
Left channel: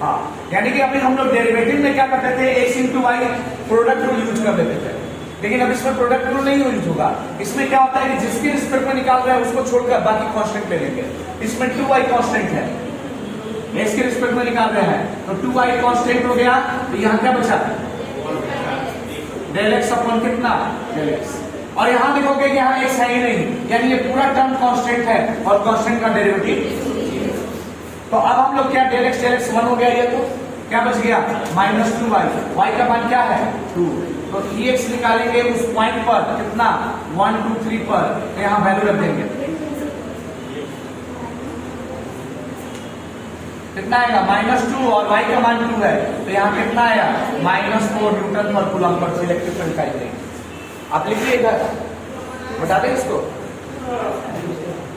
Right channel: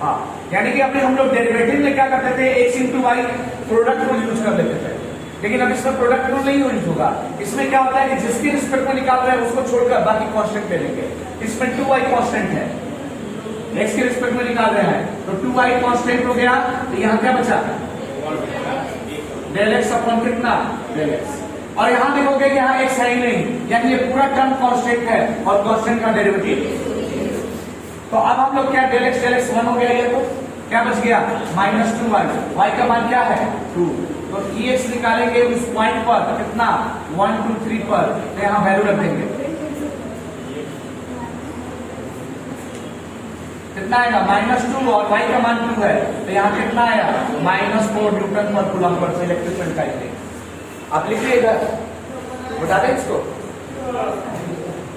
हाँ, यानी कि अभी हम लोग डेरिवेटिव में क्या करते थे? x इंटू वाई प्रोडक्ट को यूज कर लेते थे। लेकिन अब इसमें प्रोडक्ट रूल नहीं यूज होगा। इसमें क्या होता है कि जिसकी रिस्पेक्ट में निकाल रहा है उसको छोड़कर बाकी कांस्टेंट ले लेंगे। इसमें 2y कांस्टेंट है, x की रिस्पेक्ट में निकाल रहे हैं, तो 2y कांस्टेंट हो गया, तो यहाँ क्या बचा डेल एक्स अपॉन कितना डेल एक्स। और यहां देखोगे कि यहाँ x है ही नहीं, यानी ये पूरा टर्म कांस्टेंट है और कांस्टेंट का डेरिवेटिव। तो अब हम लोग क्या डेल एक्स 1 हो गया, ये तो क्या बच गया -2y, y का मान क्या है 2, तो ex निकालेंगे उस पॉइंट पर कितना 1 2 3 पर, तो यहां वैल्यू रख देंगे, कितना आएगा -2 और y का मान 2 है, तो यहां कितना आया -4 न्यूटन पर कूलम पर, तो इलेक्ट्रिकल टाइप। आप लिखिएगा, बता दें इसको,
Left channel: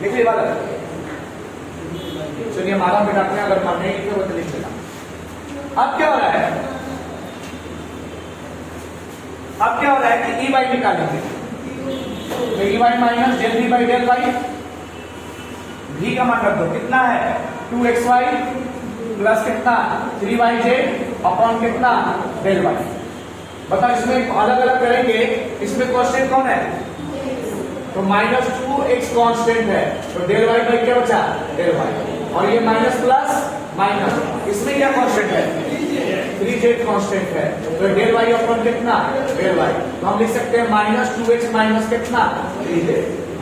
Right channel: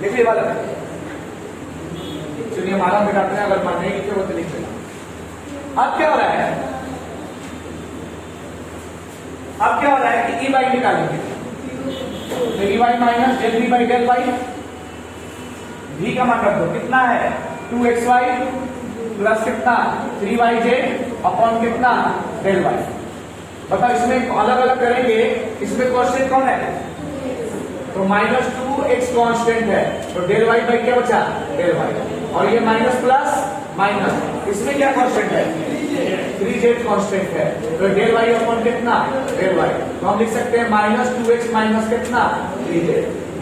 लिखिए वाला चलिए हमारा बिठाते हैं, अगर मन नहीं लिखे वो तो लिख लेना। अब क्या हो रहा है, अब क्या हो रहा है कि e y निकालेंगे, तो e y minus del v by del y, v का मान रख दो, कितना है 2xy प्लस कितना 3yj अपॉन कितना डेल y। बताओ इसमें अलग अलग करेंगे, इसमें कांस्टेंट कौन है, तो -2x कांस्टेंट है, तो डेल y बाई क्या बचा डेल y, और ये माइनस प्लस माइनस, इसमें क्या कांस्टेंट है 3z कांस्टेंट है, तो डेल y अपॉन कितना डेल y, तो हम लिख सकते हैं -2x माइनस कितना 3z।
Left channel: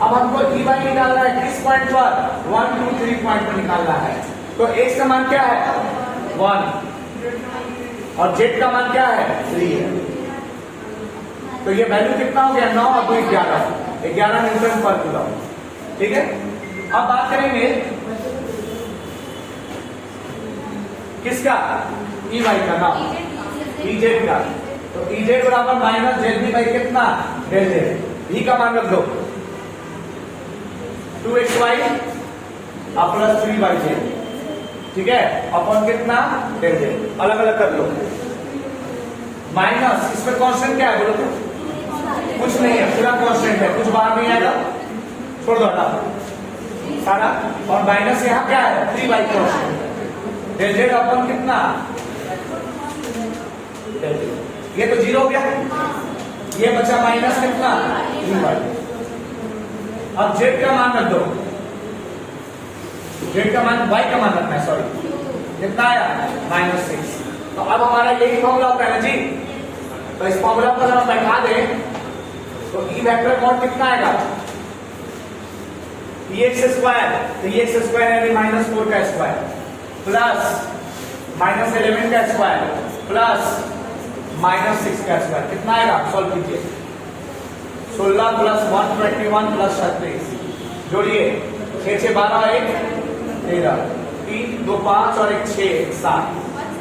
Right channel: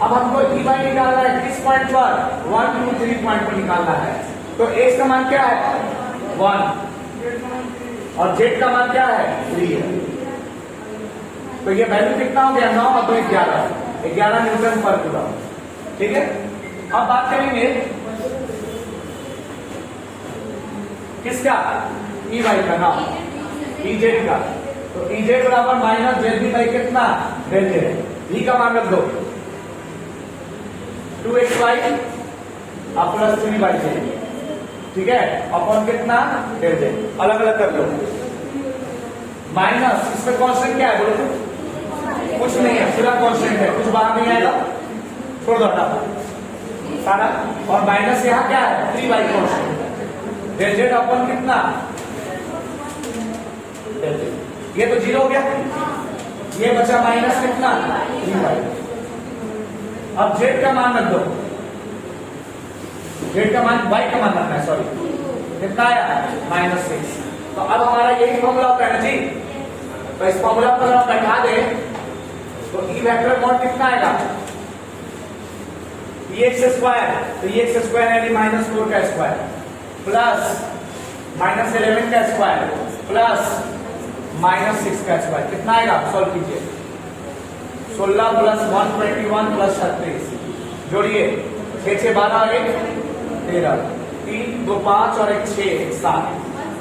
अब हमको e y निकालना है, किस पॉइंट पर 1 2 3 पॉइंट पर निकालना है, तो x का मान क्या है 1 और z का मान क्या है 3 है, तो ये वैल्यू कितना हो गया 9 और 2 11 न्यूटन पर कूलम। ठीक है, अब बात करेंगे किसका ई वाई का, नाम इजेड का, तो इजेड बराबर माइनस डेल वी बाई कितना डेल जेड, ई का मान रख दो 2xy प्लस 3yz, ठीक है, अपॉन कितना डेल जेड, अलग अलग कर लो, माइनस इसमें कांस्टेंट क्या है बोलो तो, कुछ नहीं है, पूरा कांस्टेंट है, कुछ बाहर नहीं आएगा, छोड़ दो सारा, और माइनस यहाँ क्या है 3y constant, del Z upon कितना, ये तो 0 हो गया, ये बचा माइनस कितना 3y। अब जेड का मान रख दो, जेड का मान y का मान रखना है, सॉरी कितना आया -6। तो अब हमारा यही फॉर्मूला होता है ना जी, तो इस फॉर्मूला को हम बैठा दें तो ई वेक्टर मॉड कितना आएगा एक्स स्क्वायर, तो एक्स स्क्वायर यानी -4 का स्क्वायर प्लस -11 का स्क्वायर प्लस -6 का स्क्वायर, कितना आएगा सॉल्व कीजिए, 16 प्लस 121 प्लस 36, जोड़िए 6 6 12 1 13 3 2 5 और 1 6 7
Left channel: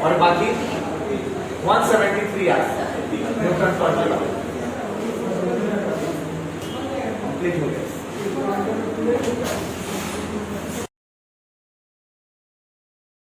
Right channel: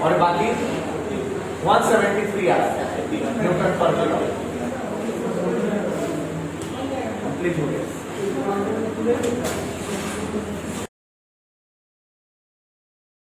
और बाकी 173 आया न्यूटन पर कूलम। कंप्लीट हो गया।